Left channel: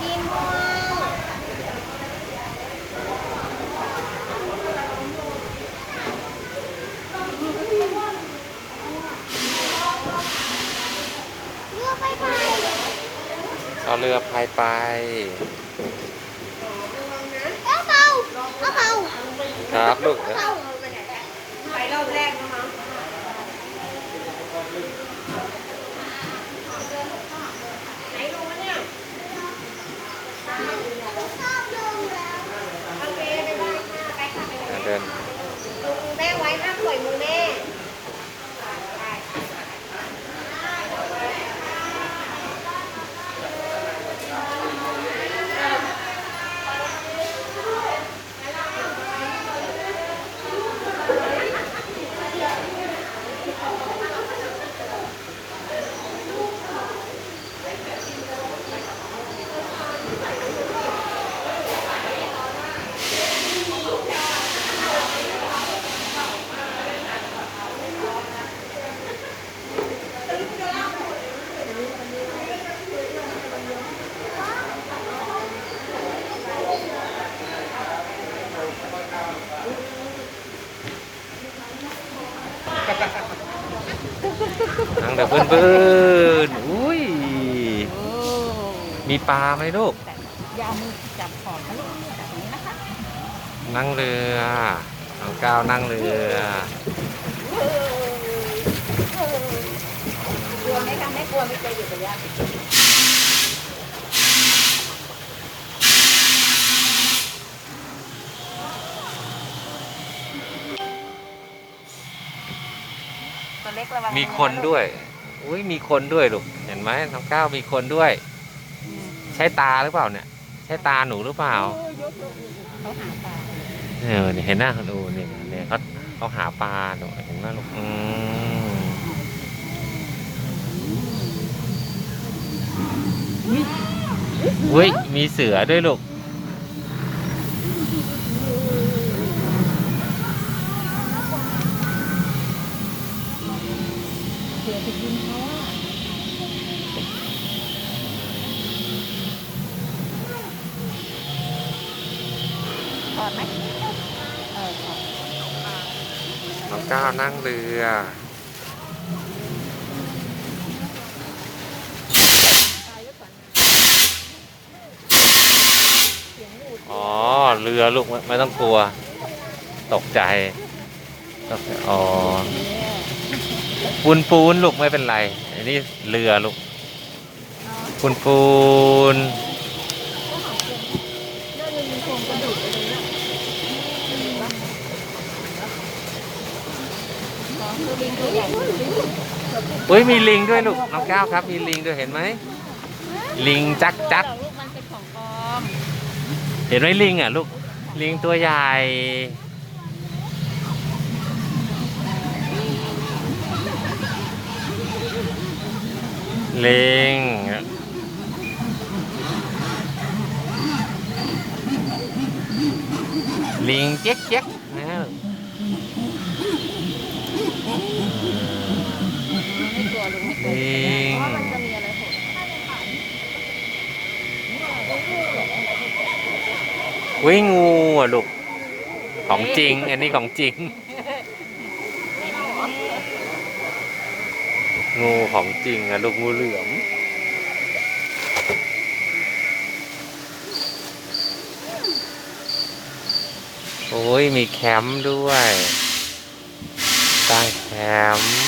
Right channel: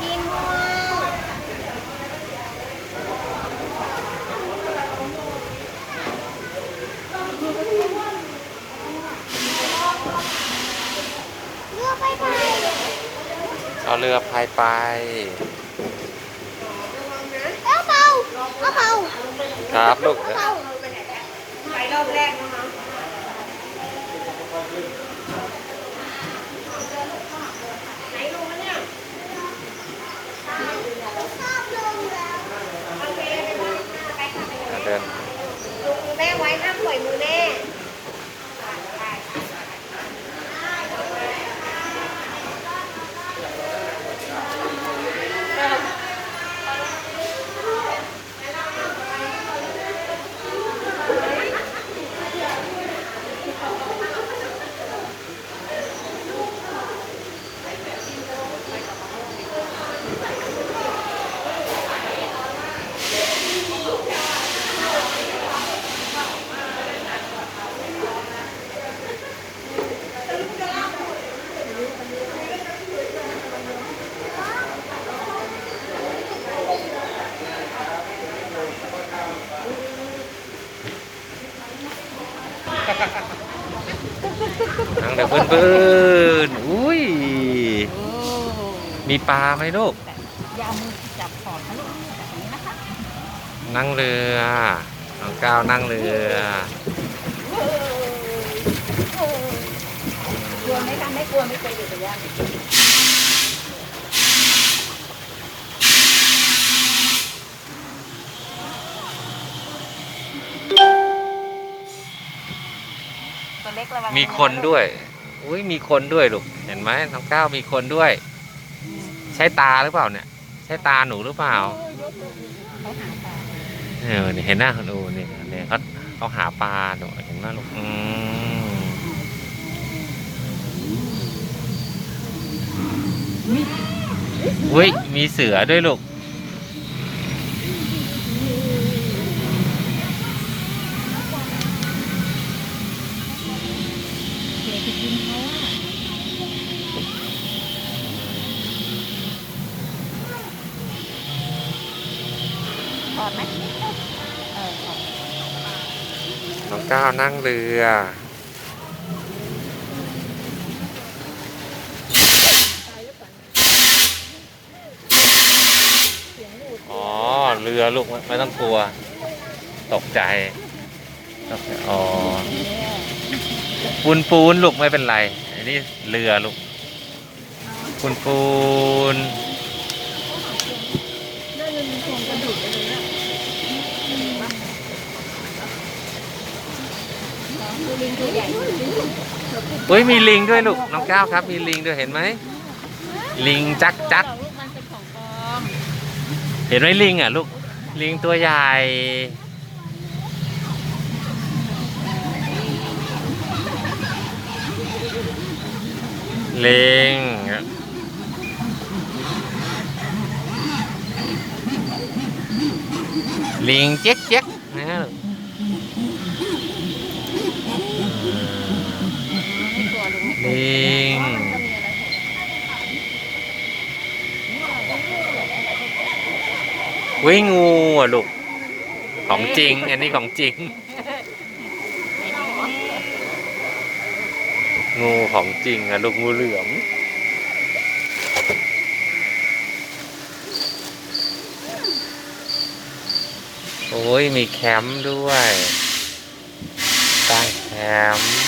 มีงูเรือไปไปเอาเรือพายไป เอาเบาเอาเบาครับลูก เอาเบาไปรอบแรกนะคะ ไหนดูวะเนี่ย โอเคไปบ้านค่ะไปค่ะไปกับแม่ เดิน ลุงแม่ไว้ห้า มปล่อยมือแม่ นั่งแบบเพื่อนๆอุ้ยมีปลาไหมลูกอย่าเอามือจับขอบนะลูกจับอย่างนี้นะคะนั่งเรือน้องก้าวนั่งเรือกลัวไหมคะไม่กลัวไม่เคยอยู่กับย่า ตัวเล็กระวังมีคนด้วย อุ้ยมีคนด้วยลูก เห็นไหมน้องก้าวมีคนด้วย ใช่ตาหรือเปล่าเนี่ย ใช่ตาหนูหรือเปล่าเขาหาปลาเออเนี่ยเห็นหน้าเขาดูเนี่ยเนี่ยเขาเขาหาปลาหนูเห็นไหมลูกอืมอุ้ยมีเสือด้วยลูก เสือ ติดดินเขาอะถอดไหมเออถอดน้องก้าวนั่งเรืออ๋อ เรือลูกไม่ไม่ต้องกลัว ตกใจตกใจอ๋อ ปูนปูนลูกไม่เป็นไร อันนี้เรือลูก ปูนปูนน่าจะมีโครงกระดูกอะไรนะลิงตัวใหญ่อุ้ยมีลิงด้วยลูกน้องก้าวครับ มีลิงด้วยเห็นไหมลิงจักจักลูกมันเป็นของปลอมเห็นไหมลิงอะลูกลิงตัวใหญ่ เลิงลิงเจ๊กเจ๊กนะลูกไม่กลัวลุงไม่กลัวลิงมันจะมีอะไรโผล่วิงูอะลูก ของจริง อันนี้ของจริง งูของจริงอะลูกงูเหลือมโอ้ยมีแคมป์ด้วยตั้งแคมป์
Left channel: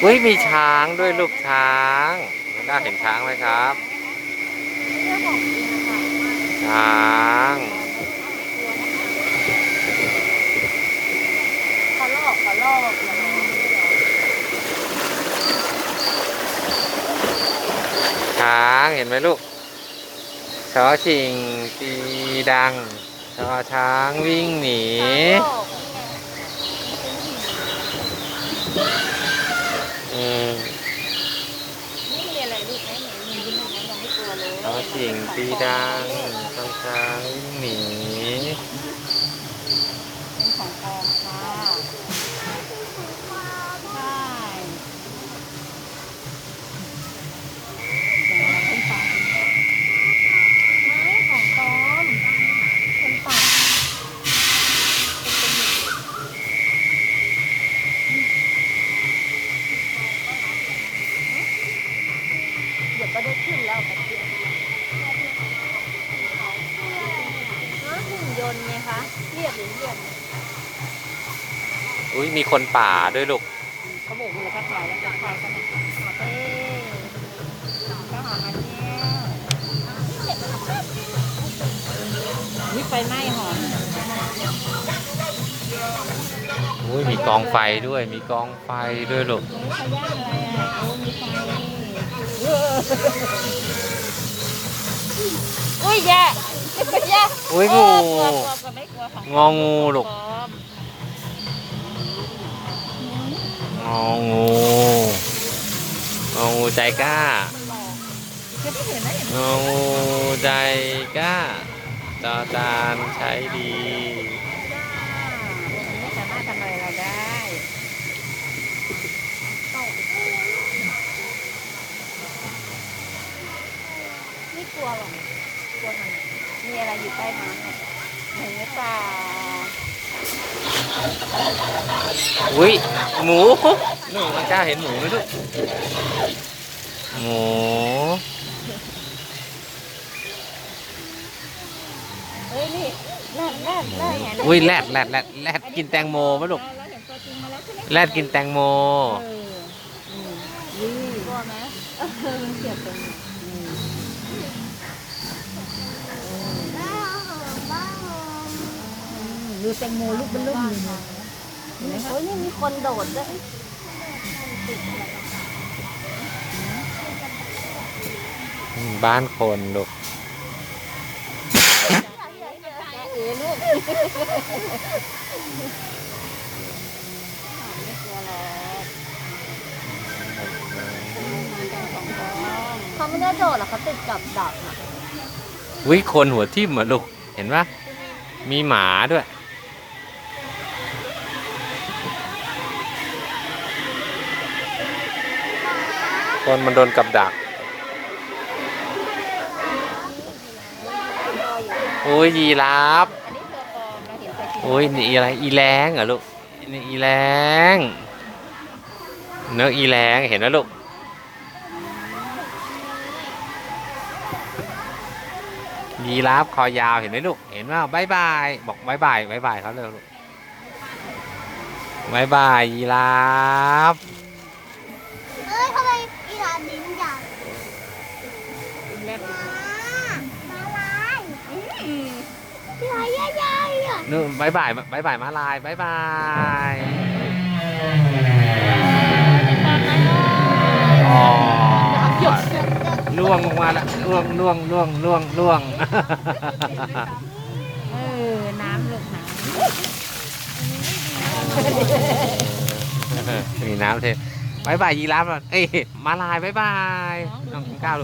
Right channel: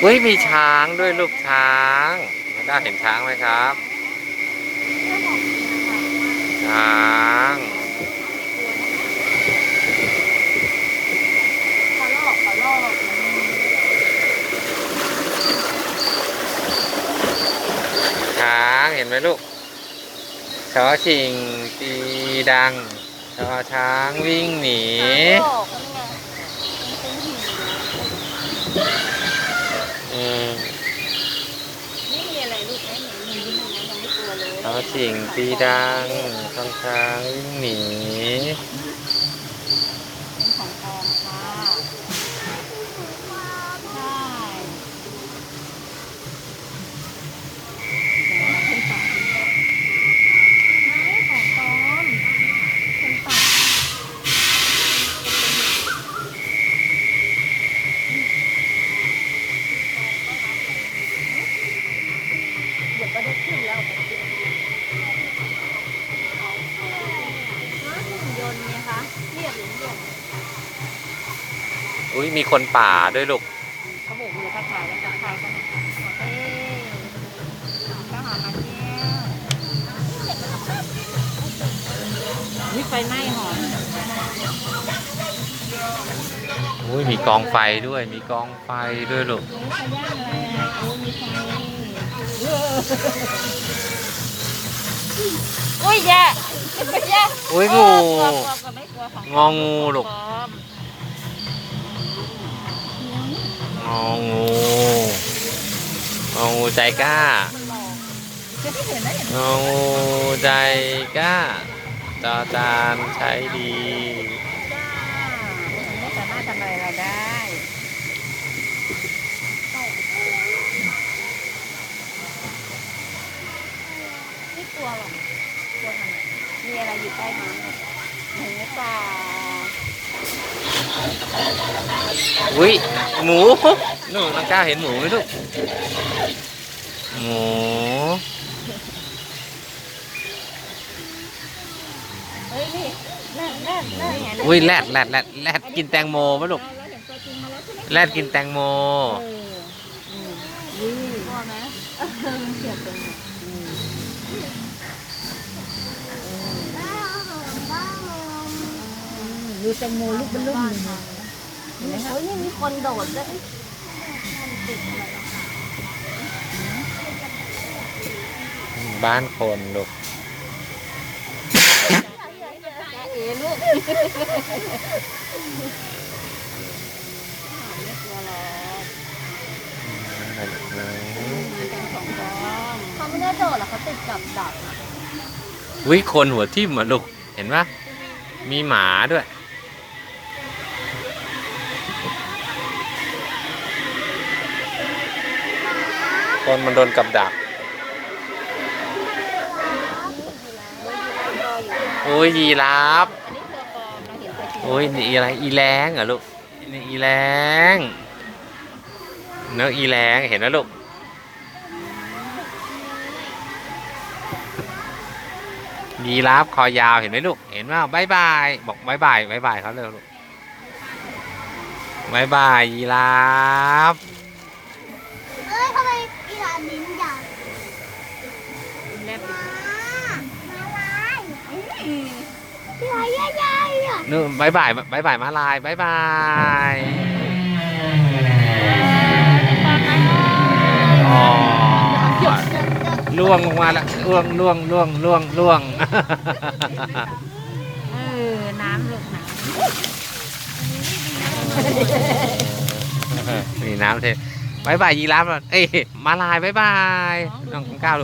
เฮ้ยมีช้างด้วยลูกช้าง ได้เห็นช้างไหมครับ ช้างขอลอกขอลอกช้างเห็นไหมลูกชอชิงตีดังชอช้างวิ่งหนีขอลอกนี่ไง สิ่งปีดังข้างช้างวิ่งหนีเป็ของทองค่ะใช่เดี๋ยวเต้นไปไม่ของปลอมเป็นปากเดี๋ยวก็ได้ขึ้นแล้ว อุ้ยมีคนป่าด้วยลูกเขาโบกมือทักทายแล้วทักทายก็มาเอ้ยก็หามาเนี่ยนี่ไฟไหม้หอมอุ้ยมีกองไฟด้วย มีกองไฟด้วยลูกอุ้ยแย่แย่อุ้ยงูกลัวกลัวกลัวไม่กลัวค่ะงองูลูก อมงองูงองูใจกล้ามันหลอกคือไม่เห็นนะงองูใจกล้าจอจานใช้ดีไม่สามารถทำอะไรเราได้ไม่กลัวหรอกกลัวทำไมมีอะไรอยู่ใต้น้ำเนี่ยหมูป่า อุ้ยหมูนู่นน้องก้าวเห็นหมูไหมลูกหมูเฮ้ยนี่แรดแรดแรดไงอุ้ยแรดแรดแรดแรดกินแตงโมไหมลูกเราเห็นตัวจริงมาแล้วใช่ไหมแรดกินแตงโม เอออืมยืดกลัวไหมเออเสียบตรงนี้อืมบ้าหอมบ้าหอมอืมดูแตงโมลูกเป็นลูกเลยนะ เห็นไหมคะเฮ้ยนี่มีคนโดดด้วยบ้านคนลูกเอ๋ลูกไม่กลัวหรอกมันเป็นของปลอมเขาไม่ได้โดดหรอกเขาติดกับดักอะวิคนหัวทิ่มอะลูก เห็นปะมีหมาด้วย คนมันโดนกับดัก โอ้ยยีราฟอันนี้ตัวปอเห็นตัวจริงโอ้ยนี่อะไรอีแรงเหรอลูกนี่อีแรงเนื้ออีแรงเห็นนะลูกยีราฟคอยาวเห็นไหมลูก เห็นว่าบายบายบอกบายบายบายบายเขาเลยลูกบายบายยีราฟ นู่นบายบายบายบายมาลายบายบายอ๋อล่วงลงมาแล้วล่วงล่วงล่วงล่วงล่วงเออ น้ำลูกน้มีน้ำเทบายบายยีราฟก่อนเอ้ยมาลายบายบายน้องก้าวลูก